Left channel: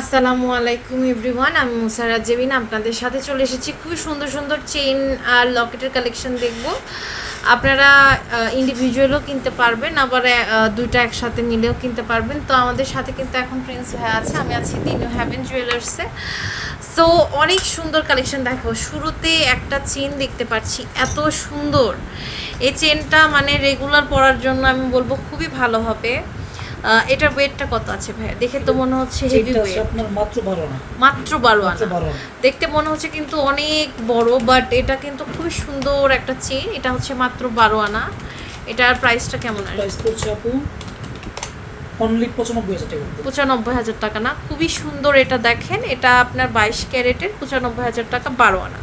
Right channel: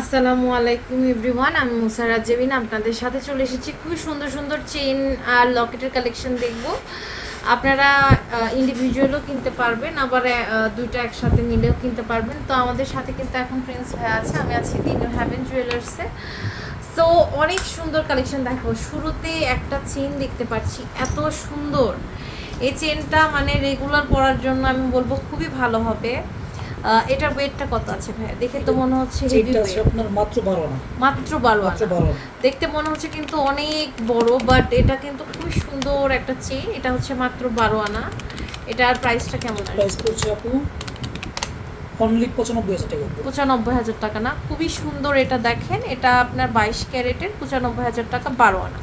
আসসালামু আলাইকুম এভরিওয়ান, আমি মুসারাত জেবিন আপনাদের সাথে চলে এসেছি। খুবই সুন্দর সুন্দর চেন আর লকেটের কালেকশন দেখব। আপনারা ইন্ডিভিজুয়ালও কিনতে পারবেন, আবার দুইটা একসাথে মিলেও কিনতে পারবেন। তো আমাদের সাথে কিন্তু এখন প্রিন্স ভাই আছে, আমি আছি দিনু হ্যাভেন জুয়েলার্সে সো অনেক সুন্দর কালেকশন দেখো। শুরুতে একটা চেন দেখতে পাচ্ছি, এত সুন্দর। এই চেনটা মানে রেগুলার পরার জন্য আমি বলব খুবই ভালো হবে। এটার ওয়েটটা কত আছে ভাই দেখে তো মনে হচ্ছে হেভি ওয়েট আপনার মাত্র বারো আনা। মাত্র বারো দেখতে মনে হচ্ছে কিন্তু অনেক বড় বাট এটা কিন্তু খুবই সুন্দর একটা চেন এটা হচ্ছে মাত্র বারো আনা। এটার প্রাইসটা কেমন প্রাইস পড়ছে আপু অনলি পঁচানব্বই হাজার টাকা। পঁচানব্বই হাজার টাকা না? খুবই সুন্দর এটা দেখেন। এটা আপনার বাইশ ক্যারেটের পঁচানব্বই হাজার টাকা বারো আনা।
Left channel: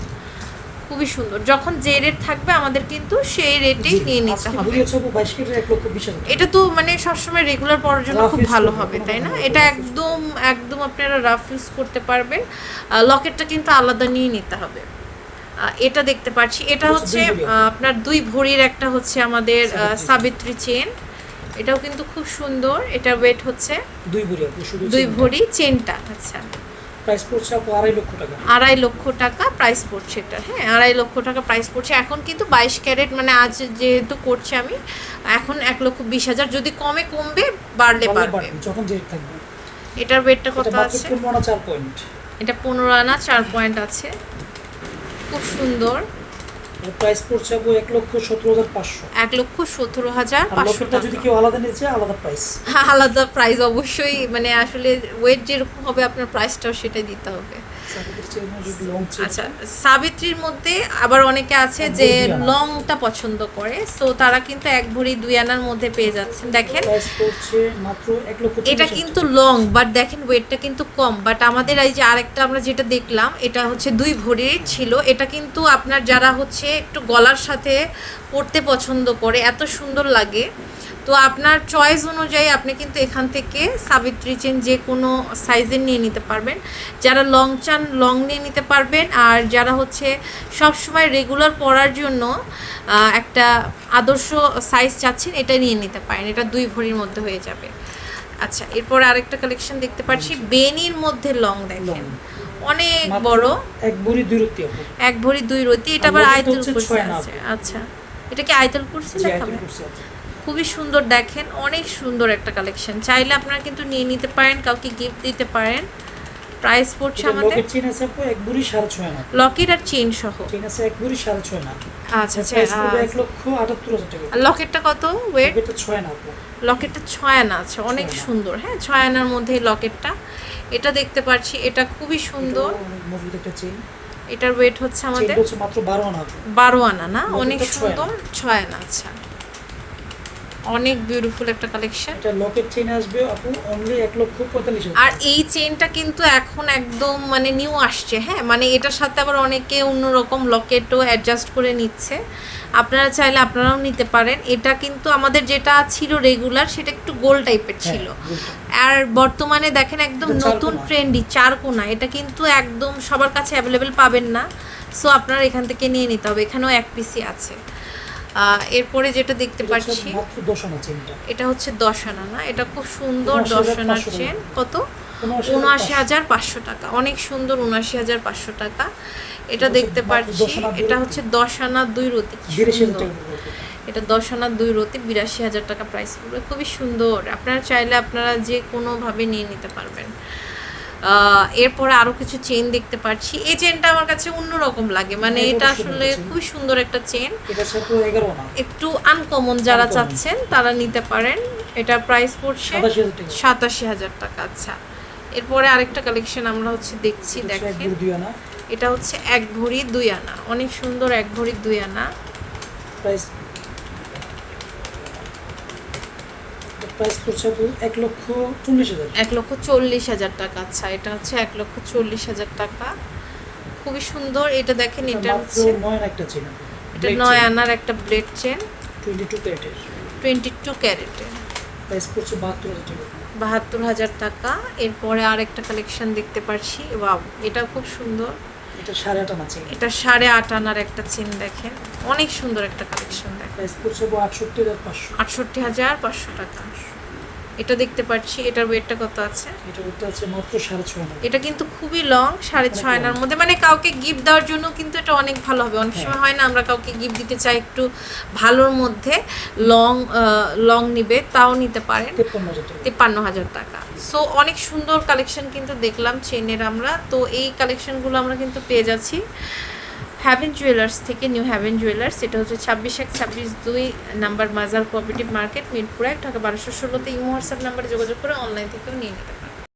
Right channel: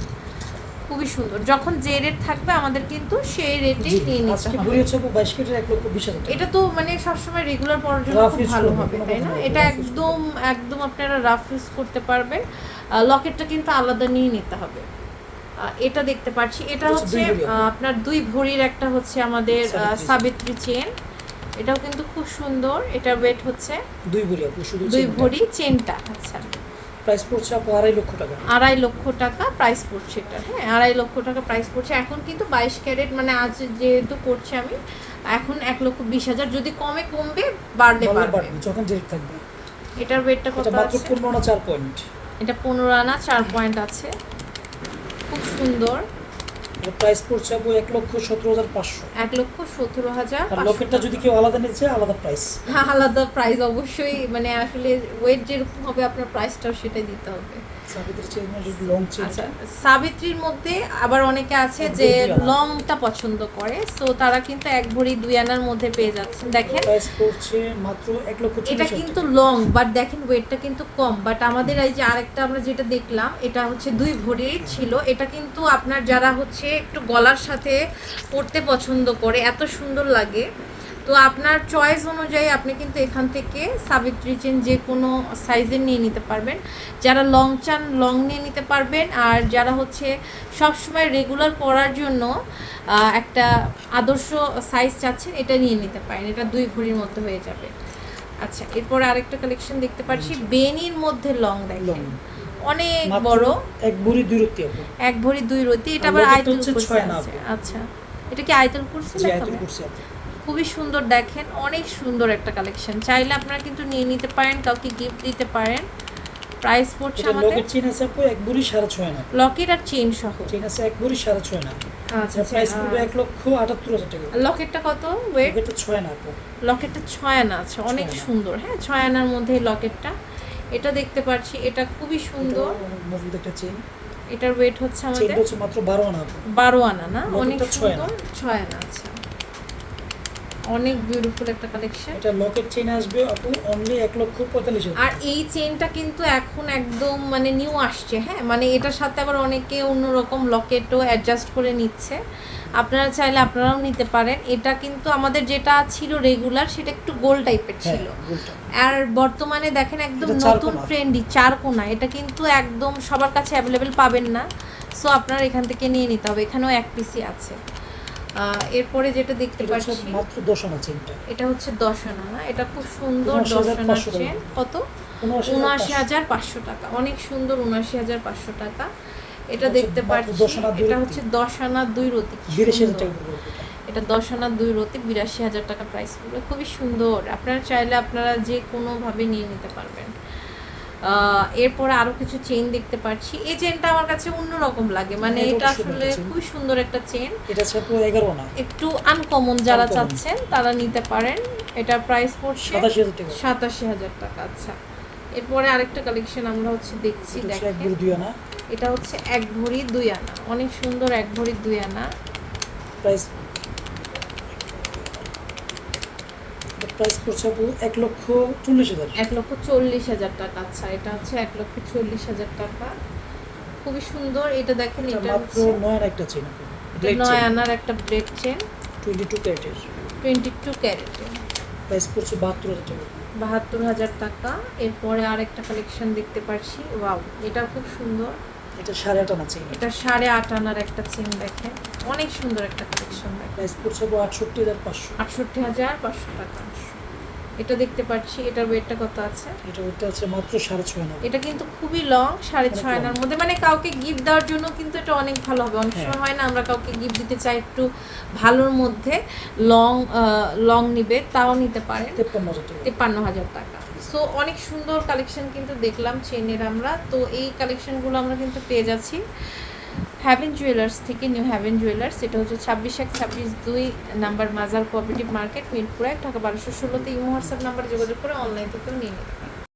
খুবই সুন্দর। যখন যে রেট থাকবে আমাদের কিন্তু সেই রেটেই নিয়ে নিতে হবে। বিশ হাজার এটা তো মানে সবসময় রেগুলার পরার জন্য খুব ভালো হবে তাই না? এটা একদম একদম আপনারা রাফ ইউজ করতে পারবেন। লকেটটা কিন্তু আলাদা নিয়ে নিতে হবে। এটা দেখতে পাচ্ছি। এটা এটা হচ্ছে আপনার দুই ভরির একটা হচ্ছে আমাদের সাবিত্রী। সাবিত্রী চেন এটাও কিন্তু খুব সুন্দর। এটা ওয়েট হচ্ছে দুই ভরি দুই ভরি চেনটা আচ্ছা। প্রাইস পড়ছে আপু আড়াই লক্ষ টাকা। আড়াই লক্ষ টাকা প্রাইস পড়ছে এটা। হ্যাঁ আড়াই লক্ষ টাকা প্রাইস পড়ছে। এখন কিন্তু বাইশ ক্যারেট মানে আজ যেহেতু করছি আমি এখন এক লক্ষ বিশ হাজার যদি কমে কমবে বাড়লে বাড়বে। যখন যে থাকবে। এটার ওয়েটটা কত আছে? পনেরো আনা চার পয়েন্ট এটা পনেরো আনা চার পয়েন্ট আছে। খুব সুন্দর। প্রাইস পড়ছে আপু এক লক্ষ সতেরো হাজার পাঁচশো। এক লক্ষ সতেরো হাজার লকেটটা যদি কেউ আলাদা নিতে চায় আলাদা প্রাইস আলাদা প্রাইস অবশ্যই মানে আসলে ওয়েট যেরকম হবে আপনার প্রাইসটাও সেটাই দিতে হবে। আচ্ছা সাবিত্রীর মধ্যে আবার অনেকে আছে যে। লংটা পছন্দ করে সো তারা কিন্তু এক ভরি দুই আনার মধ্যে পেয়ে যাচ্ছেন দেখেন এটা কিন্তু লং বাট দেখেন ওয়েটটা কিন্তু কম। বাট আমাদের এই যে আরেকটা আমরা যেটা দেখলাম এটা হচ্ছে দুই ভরির ছিল। এটা কিন্তু আপনার যারা হচ্ছে একটু গলার সাথে পরতে পছন্দ করে এত সুন্দর লাগে। তো আপনার চয়েস অনুযায়ী আপনি কিন্তু এখান থেকে সাবিত্রী চেন যে কোনো সাইজের নিয়ে নিতে পারবেন। যারা লং চান লং নিয়ে নিতে পারবেন। আর যারা হচ্ছে সব সময় রেগুলার পরার জন্য একটা আদর্শ সাইজ চাচ্ছেন এটা নিয়ে নিতে পারেন। এটা দুই ভরির মধ্যে হয়ে যাবে। আচ্ছা এরপর আরেকটা কালেকশন দেখতে পাচ্ছি। বেনির মধ্যে লং দেখেন। অনেক বড়। এক ভরি দুই আপু এক ভরি দুই রতি এটা আবার আয়তল কুরসি আছে আচ্ছা এটা কি আয়তল কুরসি আপু খুবই সুন্দর দেখেন অনেক সুন্দর একটা কালেকশন চাইলে আপনারা কিন্তু নিয়ে নিতে পারেন কাউকে গিফট দিতে পারেন। প্রাইস পড়ছে আমাদের লকেট চেন আছে আপু এক ভরি সাড়ে ছয় আনা লকেট আর চেন সহ। চেন আছে এক ভরি সাড়ে ছয় আনা আচ্ছা আচ্ছা এক লক্ষ আটাত্তর হাজার টাকা। লকেটটা কত? ওয়েট লকেটটা ছয় আনা আপু লকেটটা ছয় আনা আছে অনেক সুন্দর। হ্যাঁ ছয় আনার মধ্যে লকেটটা এটা দেখতে পাচ্ছি এটা খুবই সুন্দর। মজবুত একটা চেন এটার ওয়েট হচ্ছে আমাদের মাত্র বারো আনা। বারো আনা না? অনেক সুন্দর ছয় আনা আচ্ছা। অনেক বিউটিফুল একটা কালেকশন এটা লকেট চেন আসবে আপু অনলি এক লক্ষ পঁয়তাল্লিশ হাজার। আর এই চেনটা কিন্তু এখন একদম মানে নিউ আসছে হ্যাঁ? মানে এটার সাথে আবার অনেকে অন্যরকম লকেটও অ্যাডজাস্ট করে নিচ্ছে। আপনারা চাইলে আপনারাও নিতে পারেন। এটা কিন্তু আমাদের যেটা ছিল রেগুলার সেটা একটু গোল টাইপের হ্যাঁ, ছিল। আর বর্তমানে দেখেন একদম নতুন। ট্রেন্ডি চার কোনা এটা কিন্তু একদম সবার কাছে অ্যাভেলেবেল পাবেন না। সো আপনারা এখান থেকে নিয়ে নিতে হবে। এখানেও এক পিসি আছে। এরপরে যেটা দেখতে পাচ্ছি এটা হচ্ছে দশ আনা না এটা খুব সুন্দর উনআশি দশ হাজার আনার পাঁচশো টাকা। চেন। কত? উনআশি হাজার পাঁচশো। টাকা অনেক সুন্দর উনআশি হাজার পাঁচশো টাকা। এটা দেখতে পাচ্ছি এটা। হচ্ছে দশ আনা দুই রতি এটা। এটা দশ আনা দুই রতি বিরাশি হাজার টাকা প্রাইস পড়বে খুবই সুন্দর। আপনারা চাইলে আপনারা যে কোনোভাবে নিয়ে নিতে পারবেন। এরপরে আরও কিছু চেন দেখতে পাচ্ছি এই চেনটা আমার কাছে অন্যরকম লাগে। মানে হ্যাঁ, এটা এটা আসলে। খুবই সুন্দর একটা চেন এটা একটু আনকমন যারা চাচ্ছেন তারা নিতে পারেন। এটার প্রাইস পড়ছে সাতাশি হাজার টাকা। আচ্ছা। এরপরে আরেকটা কালেকশন আমরা হচ্ছে দেখছি এটা দেখেন। এটা হচ্ছে এক ভরি দুই আনা। অনেক সুন্দর এক ভরি দুই আনা। প্রাইস প্রাইস পড়ছে এক লক্ষ চল্লিশ হাজার। এক লক্ষ চল্লিশ হাজার টাকা। আচ্ছা এটা হচ্ছে এক লক্ষ চল্লিশ হাজার টাকা। খুবই সুন্দর। এটা দেখেন এটা হচ্ছে নয় একটা চেন এটা নয় আনার একটা ব্লেড চেন টোয়েন্টি টু ক্যারেটের টোয়েন্টি টু ক্যারেটে প্রাইস পড়ছে বাহাত্তর হাজার টাকা। বাহাত্তর হাজার টাকা। এরপরে আরেকটা কালেকশন দেখতে পাচ্ছি ওয়াও এটা খুব সুন্দর। এটা সাড়ে আট আনা চেন। এটা সাড়ে আট আনার একটা চেন দেখেন। অনেক সুন্দর একটা কালেকশন দেখেন। প্রাইস পড়ছে আটষট্টি হাজার পাঁচশো। আটষট্টি হাজার পাঁচশো টাকা। এটা দেখতে পাচ্ছি এটার ওয়েটটা কত আছে? এটা ওটা হচ্ছে মাত্র সাড়ে ছয় না এটা কিন্তু খুবই লং সাড়ে ছয় আনার মধ্যে। মানে কাউকে গিফট দেওয়ার জন্য কিন্তু এটা অনেক ভালো হবে। অনেক হ্যাঁ। সময় হয় না আমরা কাউকে গিফট দিতে চাই একটু ভালোর মধ্যে লং লং নিবে তাও নিতে পারেন। তিপ্পান্ন হাজার টাকা। সো অনেক সুন্দর কালেকশন কিন্তু দেখলাম চেনের আমরা। তো এই কালেকশনগুলো আমরা কিন্তু পেয়ে যাচ্ছি হ্যাভেন জুয়েলার্স থেকে নিউ হ্যাভেন জুয়েলার্স এটা হচ্ছে ছাব্বিশ এক, ছাব্বিশ দুই নাম্বার মাজার কোঅপারেটিভ মার্কেট মিরপুরে ঢাকা বারোশো ষোলোতে ইউ হোয়াটসঅ্যাপ নাম্বারে যোগাযোগ করে অনলাইন থেকে নিয়ে নিতে পারেন।